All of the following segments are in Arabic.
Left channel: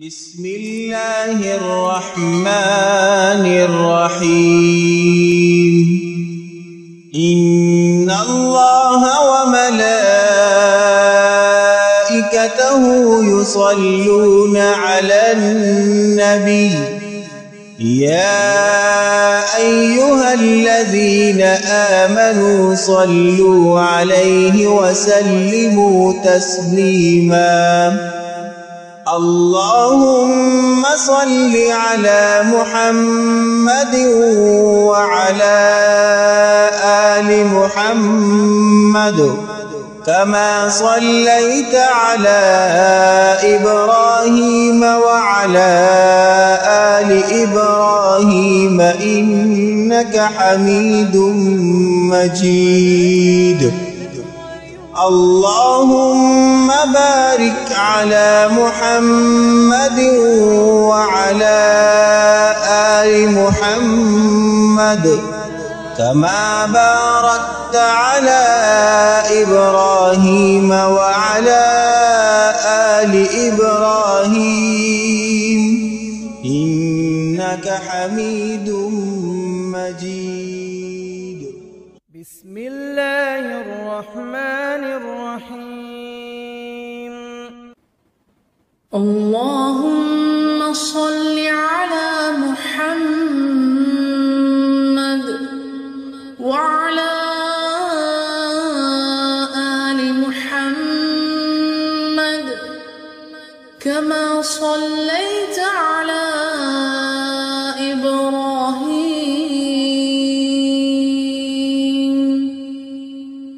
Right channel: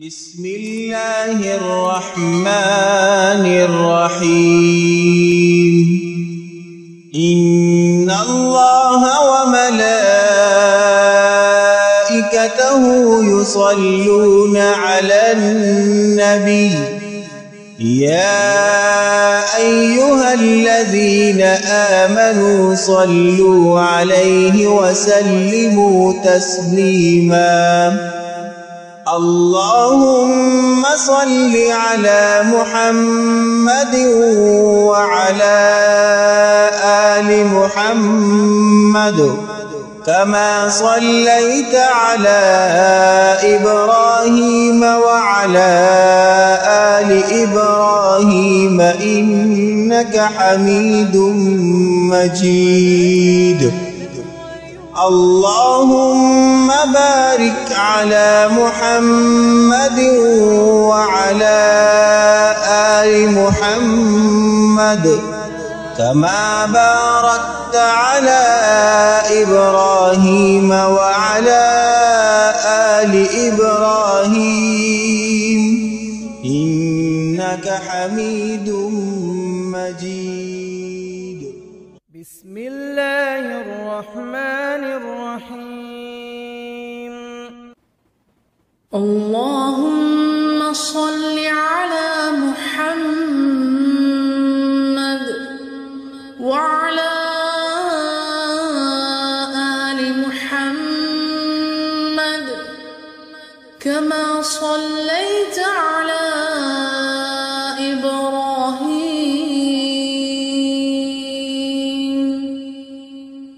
بسم الله الرحمن الرحيم. إن الله وملائكته يصلون على النبي يا أيها الذين آمنوا صلوا عليه وسلموا تسليما. اللهم صل على محمد وعلى آل محمد كما صليت على إبراهيم وعلى آل إبراهيم إنك حميد مجيد. اللهم بارك على محمد وعلى آل محمد كما باركت على إبراهيم وعلى آل إبراهيم إنك حميد مجيد. بسم الله الرحمن الرحيم. اللهم صل على محمد وعلى آل محمد كما صليت على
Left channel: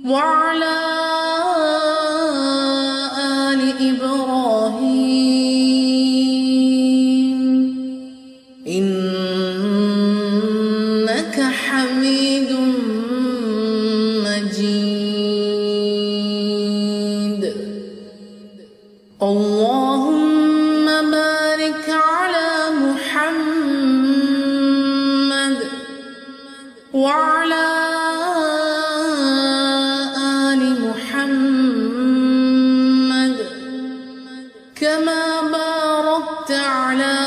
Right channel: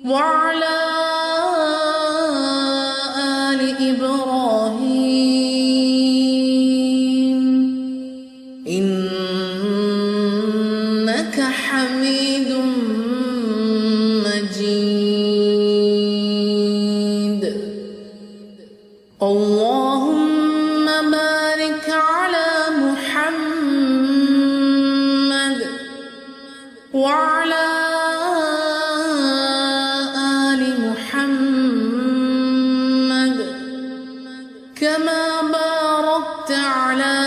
وعلى آل إبراهيم إنك حميد مجيد. اللهم بارك على محمد وعلى كما باركت على